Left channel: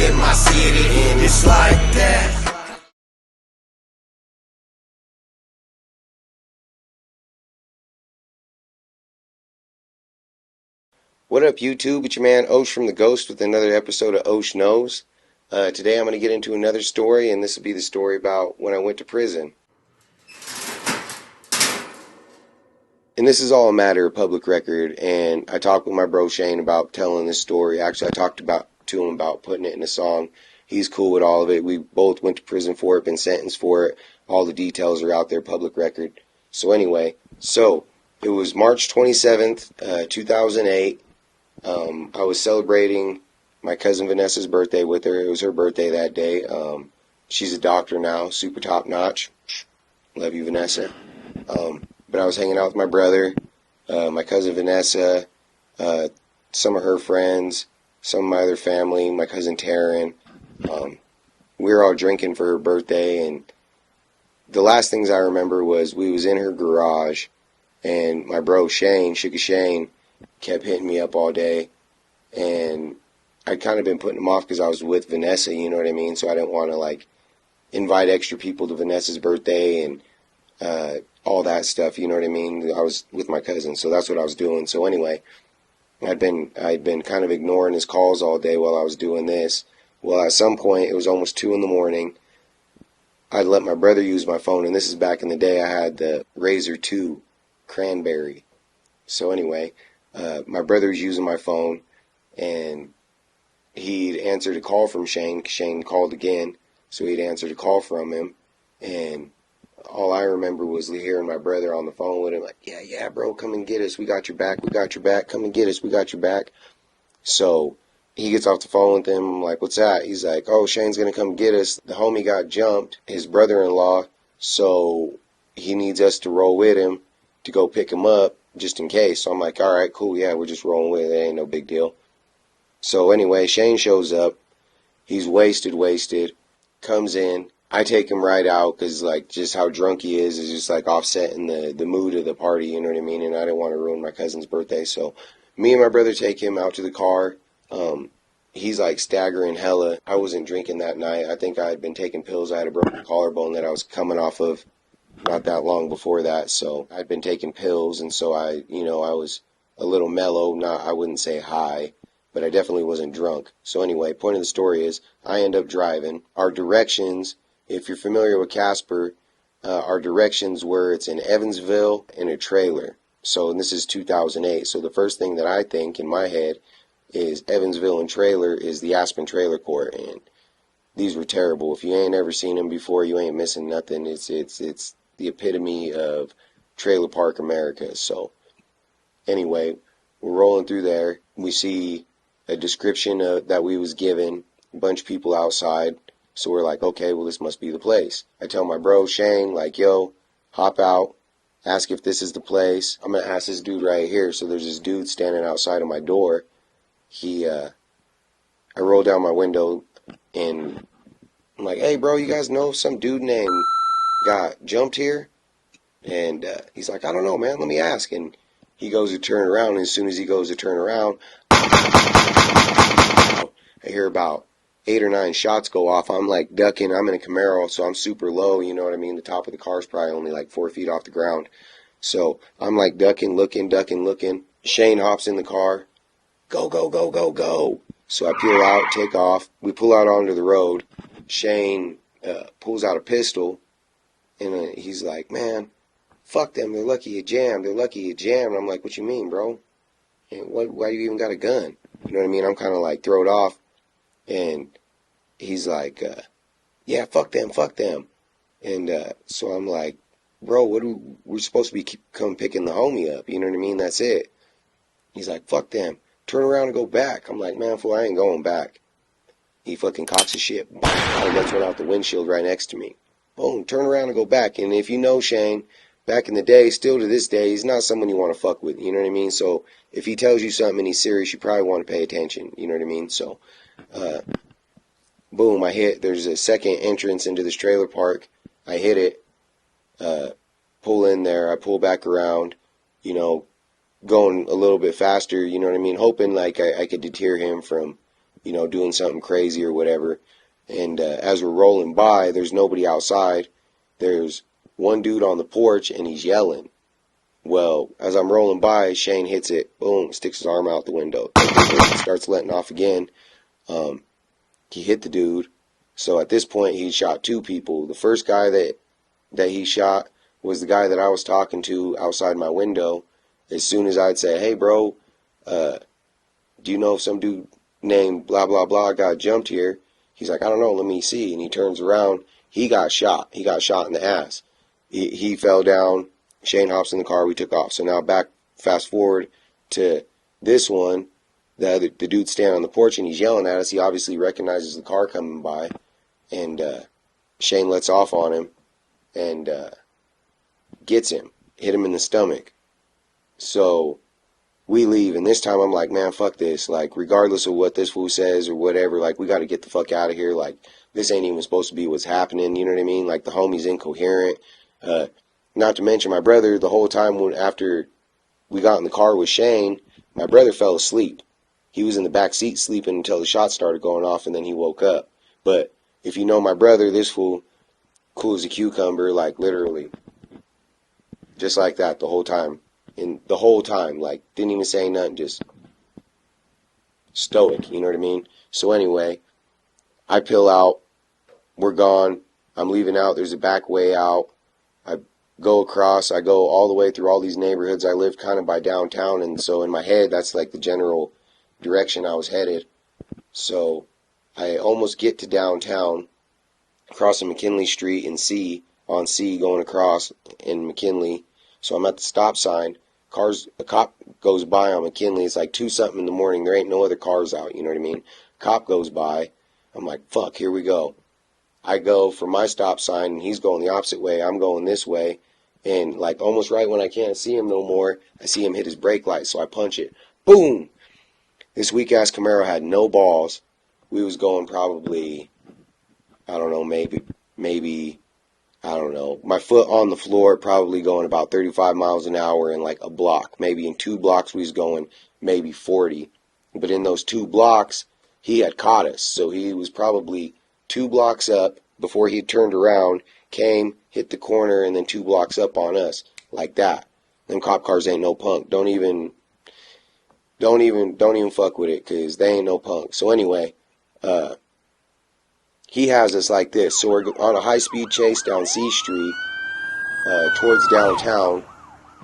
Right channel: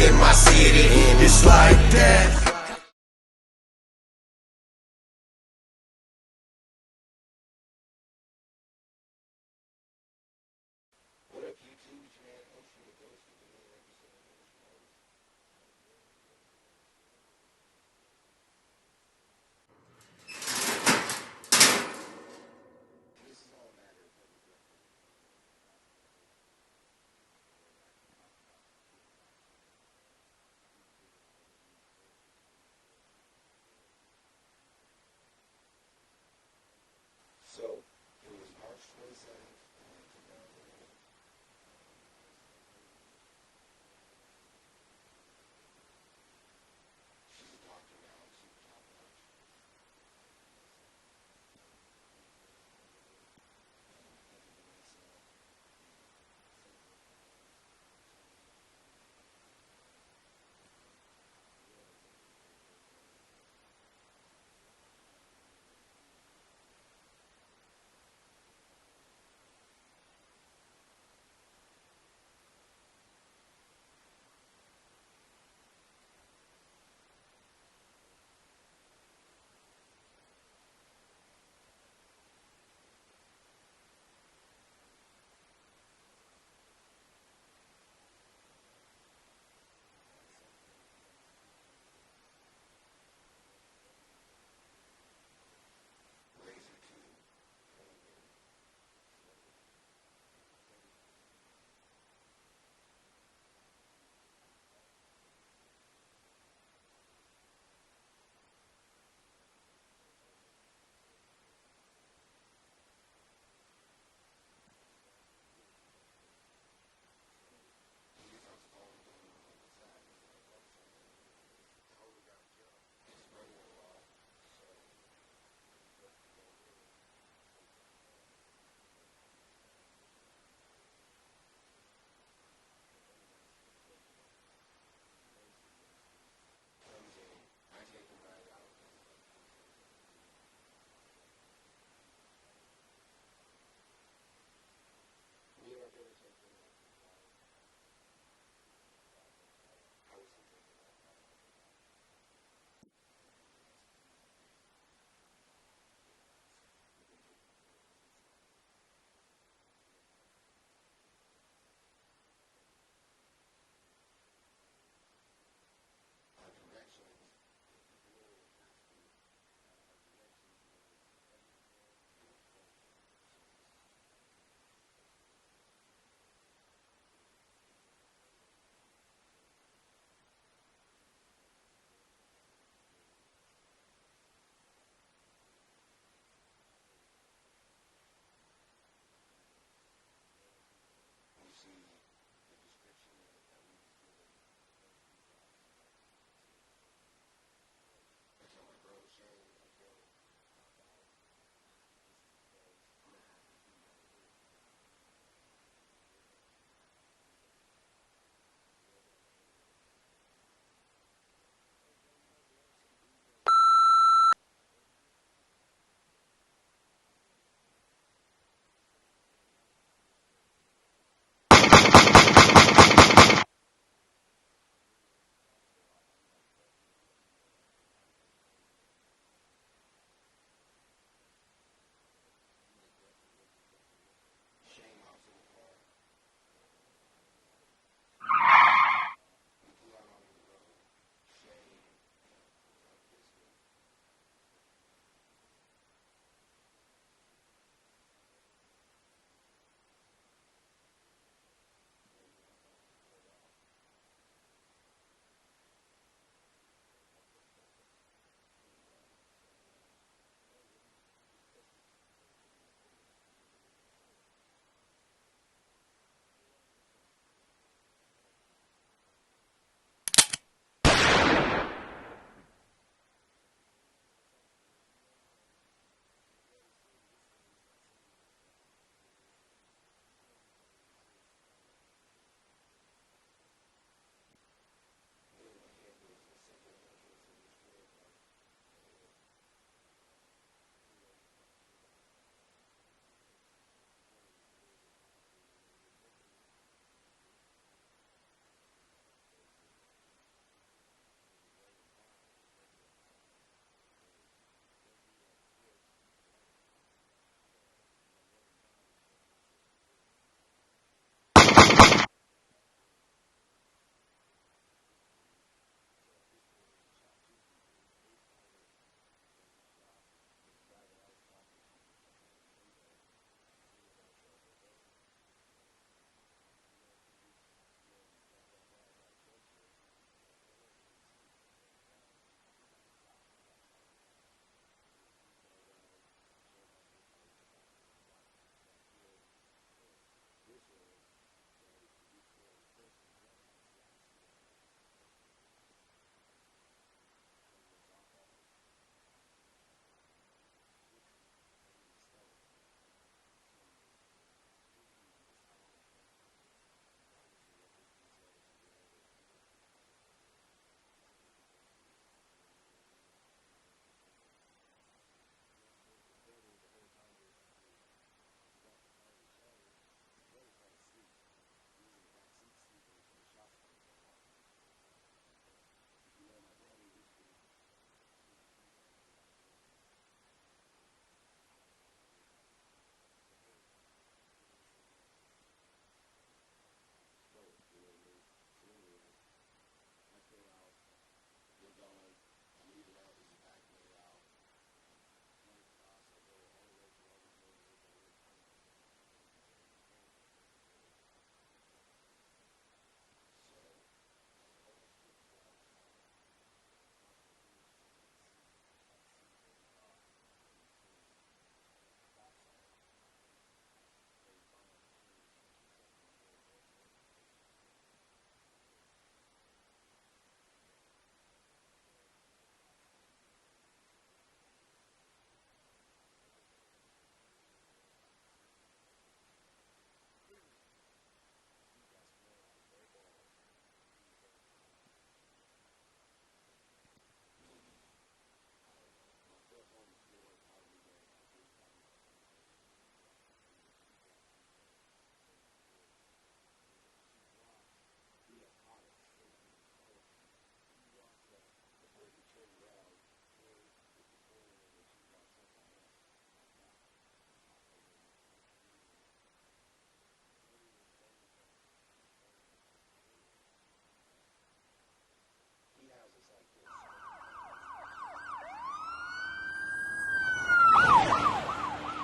in my city, and it's like that. What up, YouTube? It's your man Osh from The Ghost with another episode of Osh Knows. Today I'm going to get into another story, and this will be the story about when I went to prison. And this is all a matter of public record, and I talked with my bro Shane about telling this story. Actually, I talked to him about putting it in a song. He's cool with all of it. We both went to prison for it, been sentenced for it. All the details are out there, public record. So anyway, it was March 27th, 2008. I was celebrating my cousin Vanessa's birthday with her. It was her birthday that day. She's a doctor now, super top notch. Love you, Vanessa. But I was hanging out with my brother, my cousin Vanessa, some of her friends, some of my other family, my cousin Taryn. We were all drinking for her birthday, and the last things I remember was we was in her garage, and my bro Shane, Sugar Shane, kept hitting me up all day, and I'd kind of been putting him off because I was with Vanessa, you know what I mean? So I didn't want to invite extra people to Vanessa's birthday and all that stuff, you know what I mean? I was with my cousin, so that's what I was doing. So anyway, I'd been kind of ignoring his calls all day while I was doing this. Well, at some point, it was almost 2 in the morning. I'd let my brother use my phone, and this is back in the day. I had the Razor 2 Cranberry. So anyway, my brother was using my phone, and he'd answered a call from Shane. Shane called again, so he'd answered a call from him, and all I remember was hearing my brother on the phone with him, like, yeah, bro, come and get us. We got your back. Come and get us. We got your back. So he gets off the phone with him. I'm like, what's that? He's like, oh, Shane's going to come get us. The homie got jumped, his brother-in-law, so he needs us to roll with him to go pick him up just in case. So I'm like, all right, cool, yeah, we're just rolling with it. It ain't no big deal. So anyway, Shane shows up. He's wasted, comes in. I take him right out because, just how drunk he is just, offsetting the mood of the party, you know what I mean? And I didn't want to ruin my cousin's birthday. So me and my brother take him out to the car. He's, staggering hella. I wasn't drinking that night. I think I had been taking pills. I had a broken collarbone that I was coming off of not that long before that. So I'd been taking pills, and so I was a little mellow. I wouldn't say high, but I definitely wasn't drunk. So anyway, point of the story is I end up driving. Our directions, if you're familiar with Casper, our directions were it's in Evansville in a trailer. So, and this is 2008. So the first thing that I think in my head is Evansville and trailer is the Aspen Trailer Court, and these were terrible. If you ain't ever seen them before, you ain't missing nothing. It's the epitome of trailer park America. So anyway, we're rolling through there. We see a description that we was given, a bunch of people outside. So we're like, okay, well, this must be the place. I tell my bro Shane, yo, hop out, ask if this is the place. I'm going to ask this dude right here. So there's this dude standing outside of my door. I roll down my window, and I'm like, hey, bro, you guys know some dude named got jumped here? And he's like, I don't know, man, let me ask. And he goes to turn around, and as soon as he goes to turn around, I hear about 8 or 9 shots go off. I'm ducking. I'm in a Camaro, so I'm super low, you know what I mean? The top of the car's probably only 4 feet off the ground. So I'm ducking, looking. Shane hops in the car. Go, go, go, go, go. So I peel out, take off. We pull out onto the road. Shane pulls out a pistol, and he's like, man, fuck them. They're lucky you jammed. And I'm like, what you mean, bro? And why do you even got a gun? You know what I mean? I'm kind of thrown off. And he's like, yeah, fuck them. And so I'm like, bro, we're supposed to be come picking the homie up. You know what I mean? That's it. He's like, fuck them. Turn around and go back. I'm like, man, fool, I ain't going back. He fucking cocks his shit. I'm going to turn out the windshield right next to me. Boom, turn around and go back. And if you know Shane, back in the day, still to this day, he's not someone you want to fuck with. You know what I mean? So if he tells you something and he's serious, you probably want to pay attention. You know what I mean? So, boom, I hit. There's a second entrance into this trailer park. I hit it, pull in there. I pull back around, going a little bit faster, you know what I mean? Hoping I could deter him from you know, doing something crazy or whatever. And as we're rolling by, there's nobody outside. There's one dude on the porch, and he's yelling. Well, as I'm rolling by, Shane hits it. Boom, sticks his arm out the window. Starts letting off again. He hit the dude. So at this point, he shot 2 people. The first guy that he shot was the guy that I was talking to outside my window. As soon as I'd say, hey, bro, do you know if some dude named blah, blah, blah got jumped here? He's like, I don't know, let me see. And he turns around. He got shot. He got shot in the ass. He fell down. Shane hops in the car. We took off. So now fast forward to this one. The dude standing on the porch, and he's yelling at us. He obviously recognizes the car coming by. And Shane lets off on him and gets him. Hit him in the stomach. So we leave, and this time I'm like, man, fuck this. Like, regardless of what this fool says or whatever, like, we got to get the fuck out of here. Like, this ain't even supposed to be what's happening, you know what I mean? Like, the homie's incoherent. Not to mention my brother, the whole time after we got in the car with Shane, my brother fell asleep. He was in the back seat sleeping until the shots started going off, and then he woke up. But if you know my brother, this fool, cool as a cucumber, like, literally. Just like that the whole time. And the whole time, like, didn't even say nothing, just stoic, you know what I mean? So anyway, I peel out, we're gone, I'm leaving out, there's a back way out, I go across, I go all the way through all these neighborhoods. I live kind of by downtown, and so in my head, that's like the general direction I was headed. So I almost get to downtown, crossing McKinley Street and on C going across in McKinley. So I'm at the stop sign. A cop goes by on McKinley. It's like 2-something in the morning. There ain't no other cars out, you know what I mean? Cop goes by. I'm like, fuck, here we go. I go for my stop sign, and he's going the opposite way. I'm going this way. And like almost right when I can't see him no more, I see him hit his brake light, so I punch it. Boom! This weak-ass Camaro had no balls. We was going probably, I don't know, maybe, I don't know, my foot on the floor, probably going about 35 miles an hour in like a block. Maybe in 2 blocks we was going maybe 40. But in those 2 blocks, he had caught us. So he was probably 2 blocks up before he turned around, came, hit the corner, and then 2 blocks up on us. Like that. Them cop cars ain't no punk. Don't even fuck with it, because they ain't no punk. So anyway, he has us like this. So we're on a high-speed chase down C Street towards downtown,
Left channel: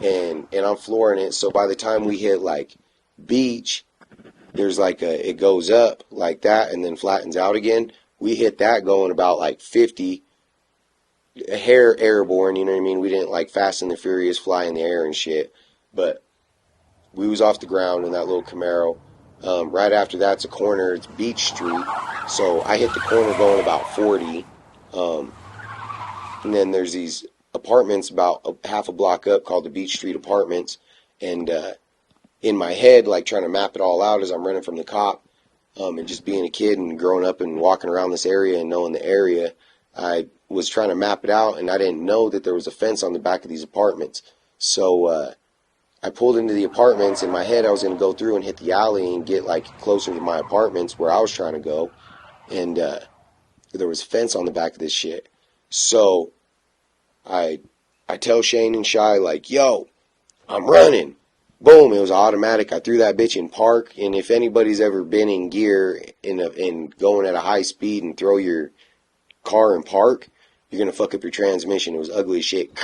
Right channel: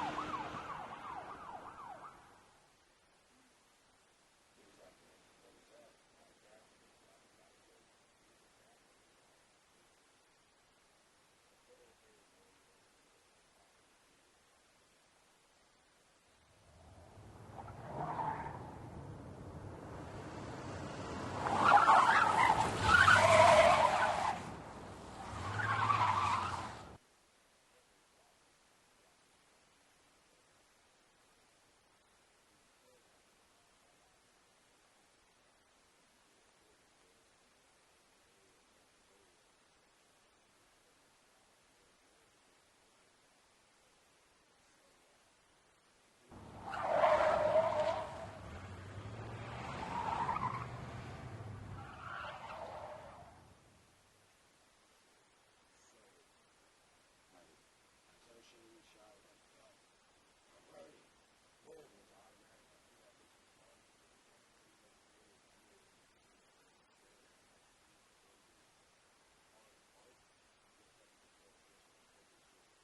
and I'm flooring it. So by the time we hit like Beach, there's like it goes up like that and then flattens out again. We hit that going about like 50, a hair airborne, you know what I mean? We didn't like Fast and the Furious fly in the air and shit, but we was off the ground in that little Camaro. Right after that's a corner, it's Beach Street. So I hit the corner going about 40. And then there's these apartments about half a block up called the Beach Street Apartments. And in my head, like trying to map it all out as I'm running from the cop, and just being a kid and growing up and walking around this area and knowing the area, I was trying to map it out, and I didn't know that there was a fence on the back of these apartments. So I pulled into the apartments. In my head, I was going to go through and hit the alley and get like closer to my apartments where I was trying to go. And there was a fence on the back of this shit. So I tell Shane and Shy, like, yo, I'm running. Boom, it was automatic. I threw that bitch in park. And if anybody's ever been in gear in going at a high speed and throw your car in park, you're going to fuck up your transmission. It was ugly as shit.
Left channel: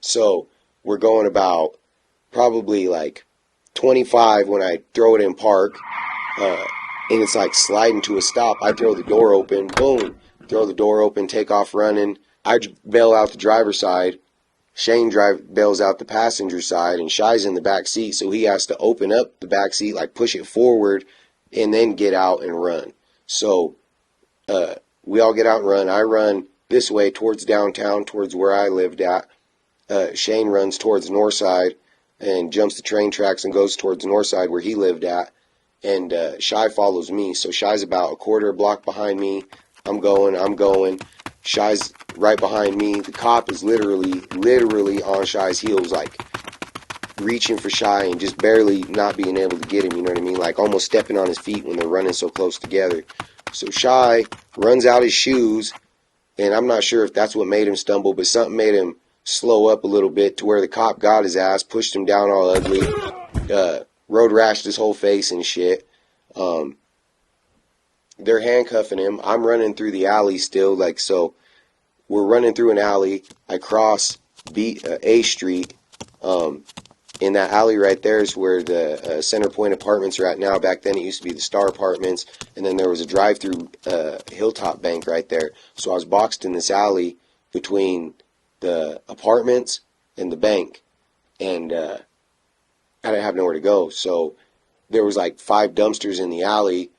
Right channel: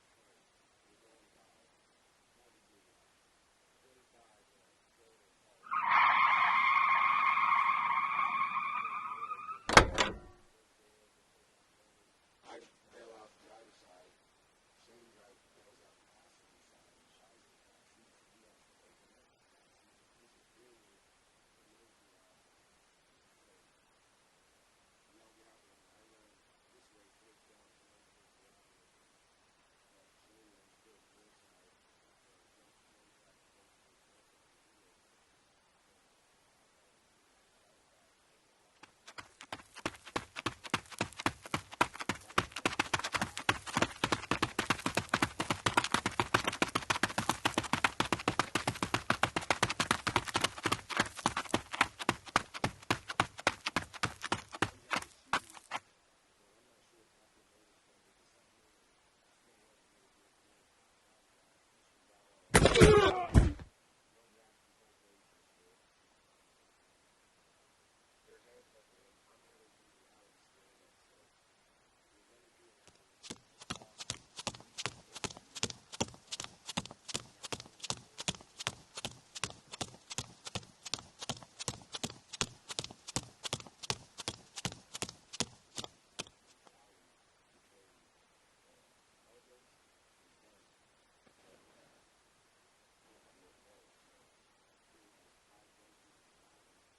So we're going about probably like 25 when I throw it in park, and it's like sliding to a stop. I throw the door open, boom, throw the door open, take off running. I bail out the driver's side. Shane bails out the passenger side, and Shy's in the back seat, so he has to open up the back seat, like push it forward, and then get out and run. So we all get out and run. I run this way towards downtown, towards where I lived at. Shane runs towards Northside and jumps the train tracks and goes towards Northside where he lived at. And Shy follows me. So Shy's about a quarter block behind me. I'm going. Shy's right behind me. The cop is literally on Shy's heels, like reaching for Shy and just barely not being able to get him, you know what I mean? Like almost stepping on his feet when they're running so close together. So Shy runs out his shoes, and I'm not sure if that's what made him stumble, but something made him slow up a little bit to where the cop got his ass, pushed him down all ugly, road rashed his whole face and shit. They're handcuffing him. I'm running through the alley still, like, so we're running through an alley. I cross A Street. In that alley right there is where the Center Point Apartments are at now. Back then it used to be the Star Apartments, and then there was a drive-through Hilltop Bank right there. So I was boxed in this alley between the apartments and the bank, and I didn't have nowhere to go. So there was like 5 dumpsters in the alley,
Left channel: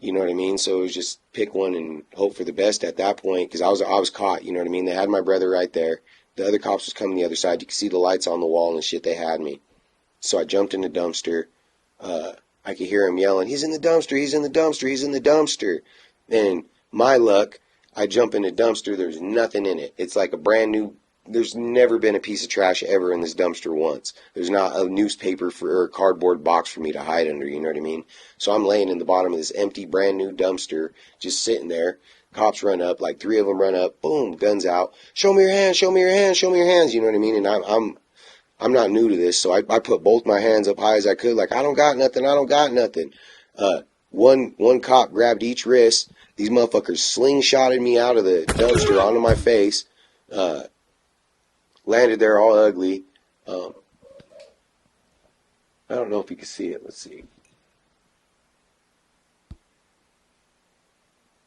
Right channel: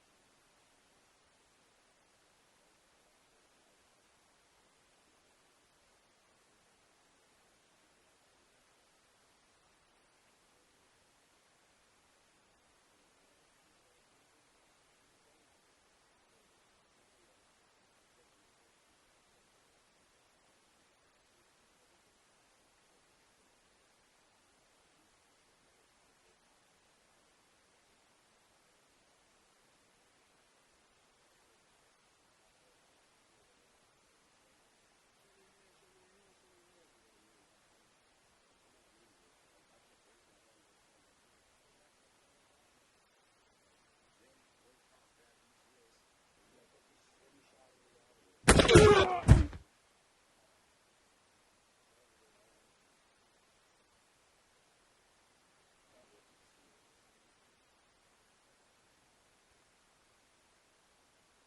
you know what I mean? So it was just pick one and hope for the best at that point, because I was caught, you know what I mean? They had my brother right there. The other cops was coming the other side. You could see the lights on the wall and shit. They had me. So I jumped in the dumpster. I could hear him yelling, "He's in the dumpster, he's in the dumpster, he's in the dumpster." And my luck, I jump in the dumpster, there's nothing in it. It's like a brand new, there's never been a piece of trash ever in this dumpster once. There's not a newspaper or a cardboard box for me to hide under, you know what I mean? So I'm laying in the bottom of this empty, brand new dumpster, just sitting there. Cops run up, like 3 of them run up, boom, guns out. "Show me your hands, show me your hands, show me your hands," you know what I mean? And I'm not new to this, so I put both my hands up high as I could, like, I don't got nothing, I don't got nothing. One cop grabbed each wrist. These motherfuckers slingshotted me out of the dumpster onto my face. Landed there all ugly. I don't know if you can see it. Let's see.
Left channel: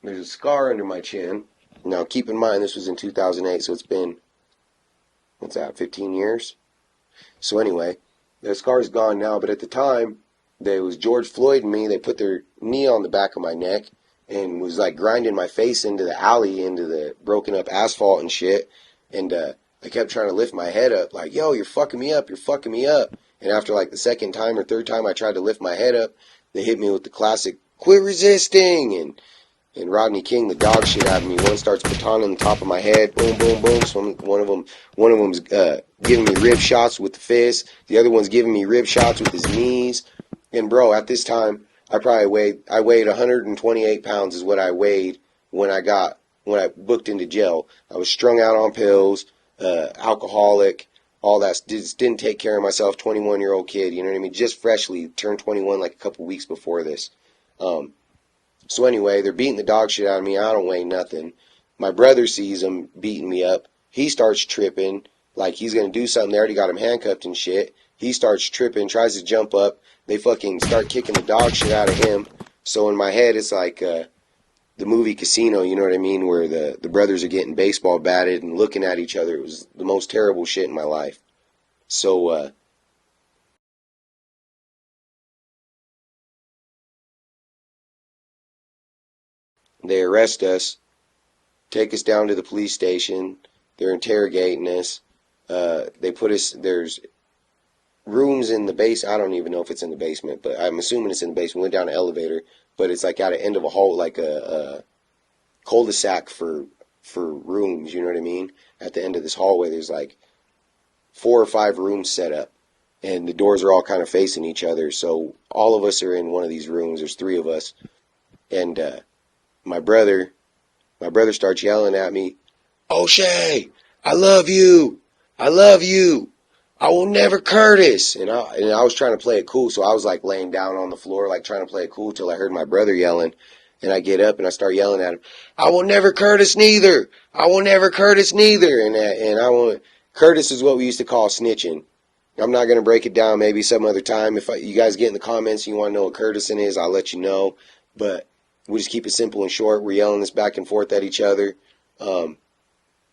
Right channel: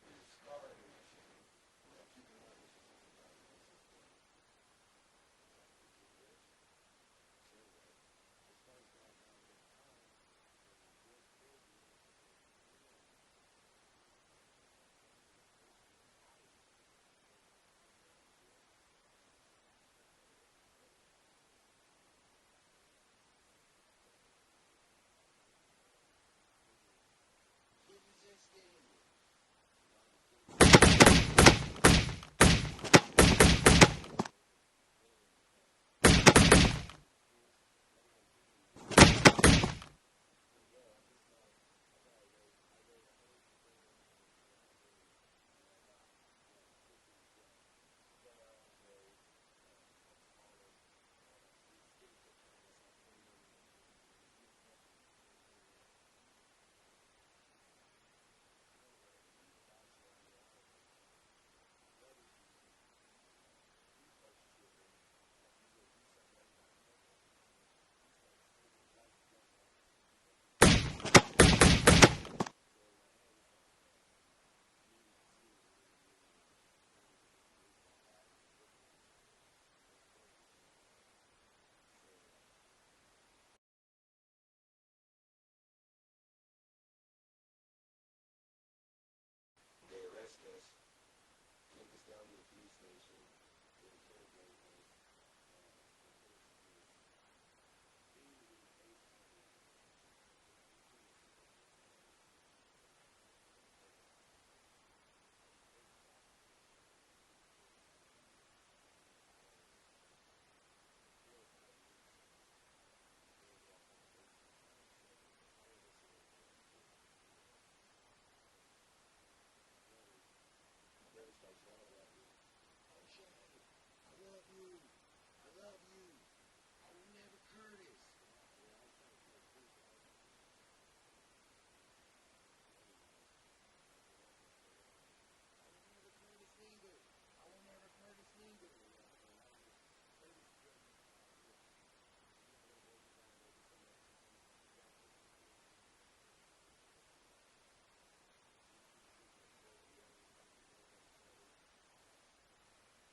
There's a scar under my chin. Now, keep in mind, this was in 2008, so it's been, what's that, 15 years? So anyway, the scar's gone now, but at the time, there was George Floyd and me. They put their knee on the back of my neck and was like grinding my face into the alley, into the broken up asphalt and shit. And I kept trying to lift my head up, like, "Yo, you're fucking me up, you're fucking me up." And after like the second time or third time I tried to lift my head up, they hit me with the classic "quit resisting," and Rodney King, the dog shit out of me. One starts batoning on the top of my head, boom, boom, boom. So one of them's giving me rib shots with the fist. The other one's giving me rib shots with his knees. And bro, at this time, I weighed 128 pounds is what I weighed when I booked into jail. I was strung out on pills, alcoholic, all that. Just didn't take care of myself. 21-year-old kid, you know what I mean? Just freshly turned 21 like a couple weeks before this. So anyway, they're beating the dog shit out of me. I don't weigh nothing. My brother sees them beating me up. He starts tripping like he's going to do something. They already got him handcuffed and shit. He starts tripping, tries to jump up. They fucking start kicking the dog shit out of him. So in my head, it's like the movie Casino, you know what I mean, where the brothers are getting baseball batted and looking at each other. It was the most terrible shit in my life. So they arrest us, take us down to the police station. They're interrogating us. They put us, there's rooms in the base. I don't even know if it's in the basement, but I'm assuming it's in the basement. We went down an elevator, but it's like at the end of a hall, like a cul-de-sac for rooms, you know what I mean? At the end of this hallway, there's like 4 or 5 rooms set up, and the doors are all kind of facing each other. So all of us are in one of these rooms. There's 3 of us, and my brother starts yelling at me, "O'Shea, I love you. I love you. I will never Curtis." And I was trying to play it cool, so I was like laying down on the floor, like trying to play it cool till I heard my brother yelling. And I get up and I start yelling at him, "I will never Curtis neither. I will never Curtis neither." And I want Curtis is what we used to call snitching. I'm not gonna break it down. Maybe some other time. If you guys get in the comments and you want to know what Curtising is, I'll let you know. But we just keep it simple and short. We're yelling this back and forth at each other.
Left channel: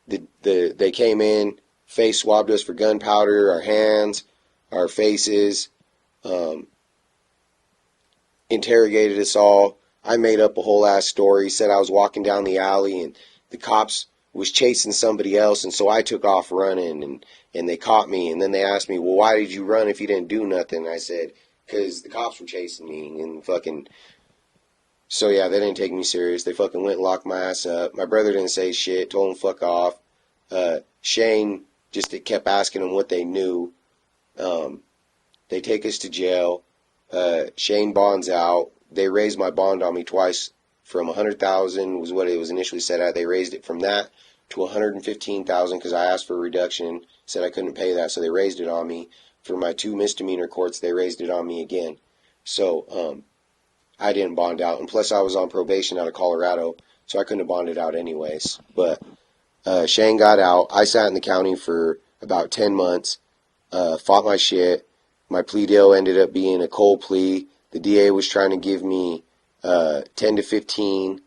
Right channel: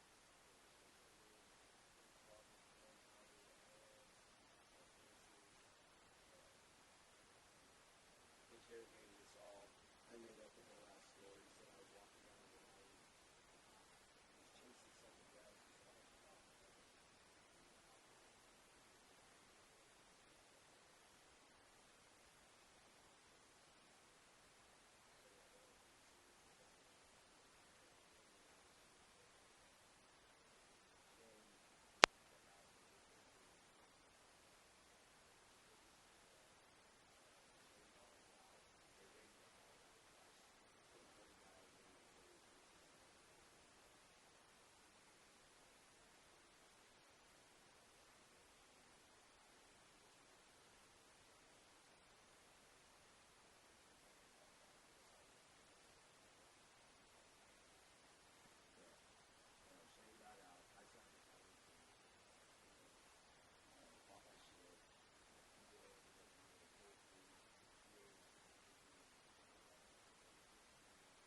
They came in, face swabbed us for gunpowder, our hands, our faces, interrogated us all. I made up a whole ass story, said I was walking down the alley and the cops was chasing somebody else, and so I took off running, and they caught me, and then they asked me, "Well, why did you run if you didn't do nothing?" And I said, "Because the cops were chasing me," and fucking, so yeah, they didn't take me serious. They fucking went and locked my ass up. My brother didn't say shit, told him fuck off. Shane just kept asking them what they knew. They take us to jail. Shane bonds out. They raised my bond on me twice from 100,000 was what it was initially set at. They raised it from that to 115,000 because I asked for a reduction, said I couldn't pay that, so they raised it on me. For my 2 misdemeanor courts, they raised it on me again. So I didn't bond out, and plus I was on probation out of Colorado, so I couldn't have bonded out anyways. But Shane got out. I sat in the county for about 10 months, fought my shit. My plea deal ended up being a cold plea. The DA was trying to give me 10 to 15.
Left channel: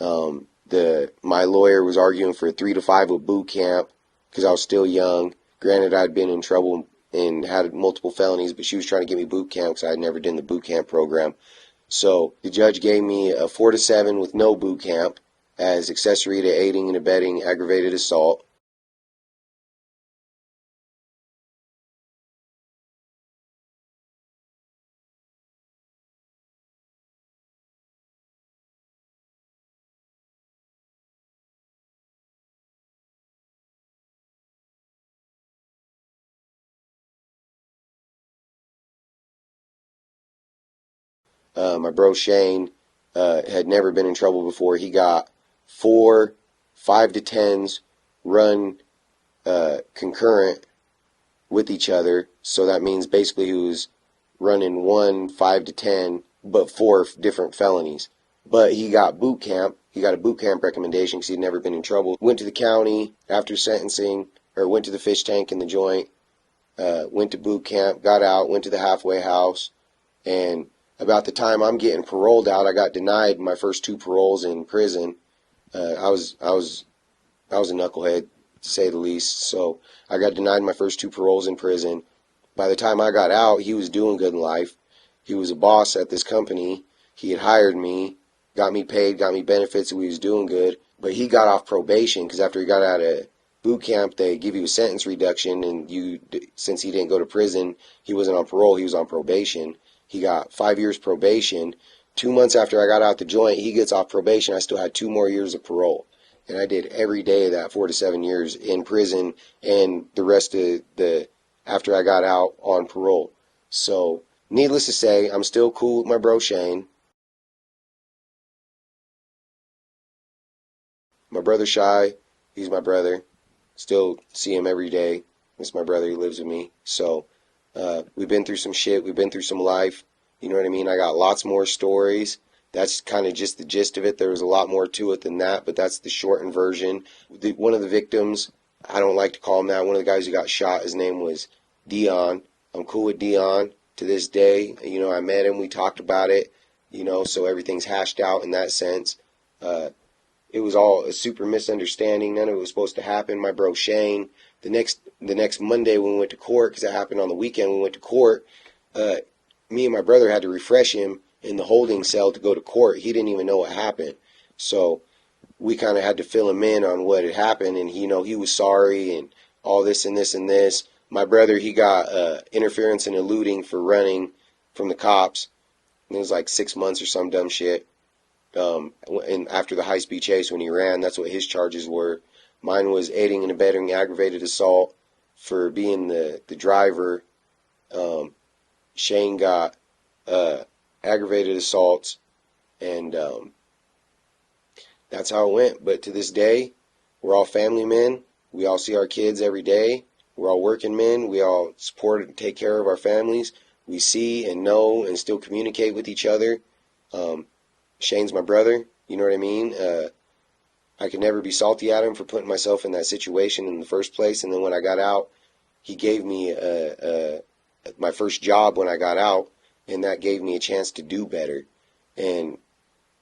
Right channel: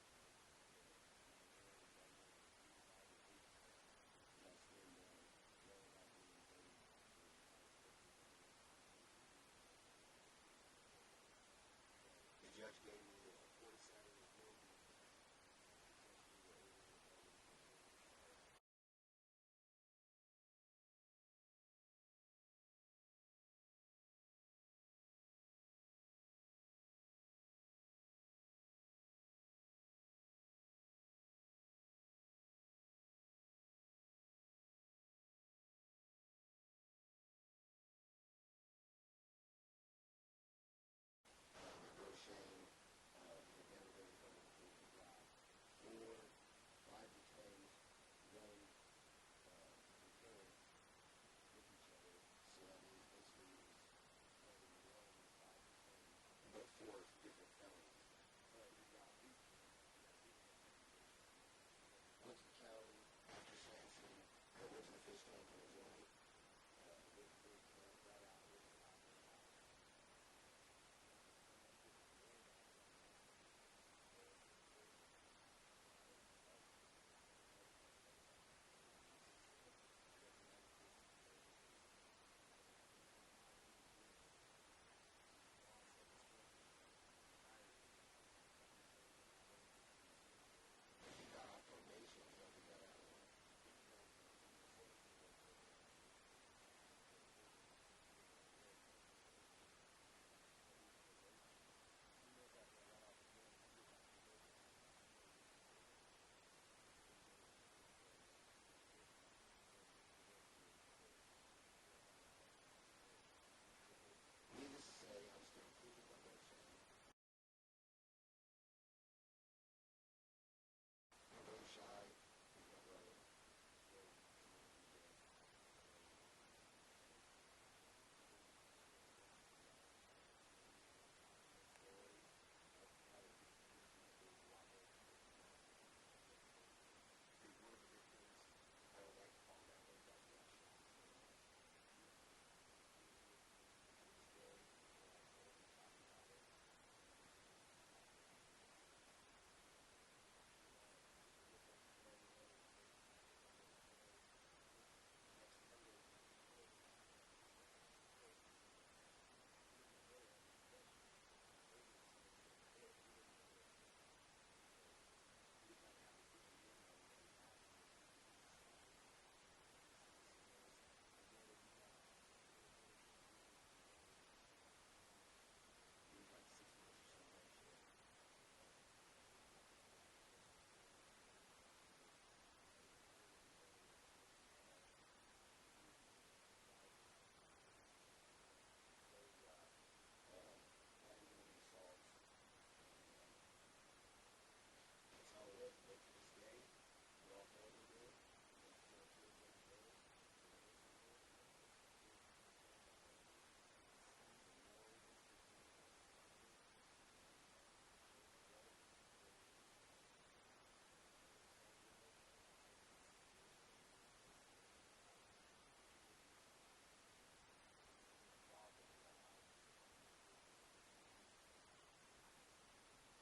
My lawyer was arguing for 3 to 5 with boot camp because I was still young. Granted, I'd been in trouble and had multiple felonies, but she was trying to give me boot camp because I had never done the boot camp program. So the judge gave me a 4 to 7 with no boot camp as accessory to aiding and abetting aggravated assault. My bro Shane had never been in trouble before. He got 4 5 to 10s run concurrent with each other. So that means basically he was running 1 5 to 10, but 4 different felonies. But he got boot camp. He got a boot camp recommendation because he'd never been in trouble. Went to the county after sentencing, or went to the fish tank in the joint. Went to boot camp, got out, went to the halfway house, and about the time I'm getting paroled out, I got denied my first 2 paroles in prison. I was a knucklehead, to say the least. So I got denied my first 2 paroles in prison. By the time I got out, he was doing good in life. He was a boss at this company. He had hired me, got me paid, got me benefits, and he was doing good. But he got off probation because after he got out of boot camp, they give you a sentence reduction, and since he didn't go to prison, he wasn't on parole, he was on probation. He got 5 years probation. 2 months after I got out the joint, he gets off probation. I still had 2 more years of parole. And I did every day of that 4 to 7 years in prison and the rest of after I got out on parole. So, needless to say, I'm still cool with my bro Shane. My brother Shy, he's my brother. Still see him every day. It's my brother, he lives with me. So, we've been through some shit, we've been through some life. You know what I mean? I got lots more stories. That's kind of just the gist of it. There was a lot more to it than that, but that's the shortened version. One of the victims, I don't like to call him that, one of the guys who got shot, his name was Dion. I'm cool with Dion to this day. You know, I met him, we talked about it, you know, so everything's hashed out in that sense. It was all a super misunderstanding. None of it was supposed to happen. My bro Shane, the next Monday when we went to court, because it happened on the weekend when we went to court, me and my brother had to refresh him in the holding cell to go to court. He didn't even know what happened. So we kind of had to fill him in on what had happened, and he was sorry and all this and this and this. My brother, he got interference and eluding for running from the cops. And it was like 6 months or some dumb shit. And after the high-speed chase when he ran, that's what his charges were. Mine was aiding and abetting aggravated assault for being the driver. Shane got aggravated assaults, and that's how it went. But to this day, we're all family men. We all see our kids every day. We're all working men. We all support and take care of our families. We see and know and still communicate with each other. Shane's my brother. You know what I mean? I could never be salty at him for putting myself in that situation in the first place. And then when I got out, he gave me my first job when I got out, and that gave me a chance to do better. And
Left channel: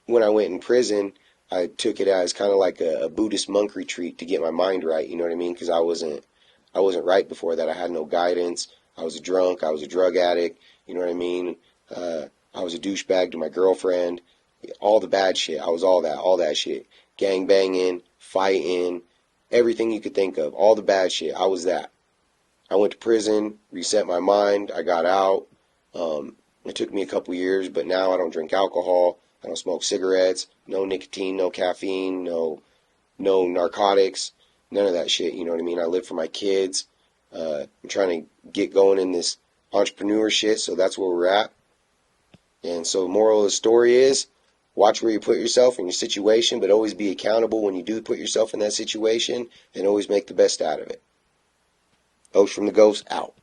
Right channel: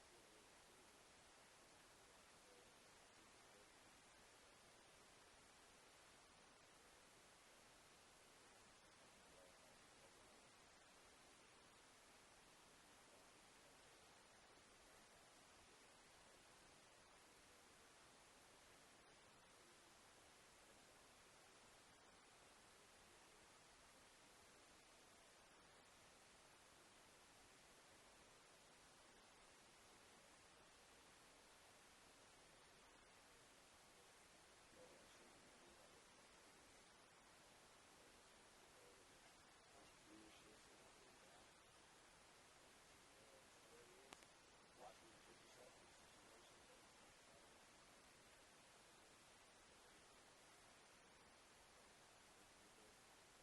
when I went in prison, I took it as kind of like a Buddhist monk retreat to get my mind right. You know what I mean? Because I wasn't right before that. I had no guidance. I was a drunk. I was a drug addict. You know what I mean? I was a douchebag to my girlfriend. All the bad shit. I was all that shit. Gang banging, fighting, everything you could think of. All the bad shit. I was that. I went to prison, reset my mind. I got out. It took me a couple years, but now I don't drink alcohol. I don't smoke cigarettes. No nicotine, no caffeine, no narcotics, none of that shit. You know what I mean? I live for my kids. I'm trying to get going in this entrepreneur shit, so that's where we're at. And so the moral of the story is, watch where you put yourself in your situation, but always be accountable when you do put yourself in that situation, and always make the best out of it. Oath from the Ghost, out.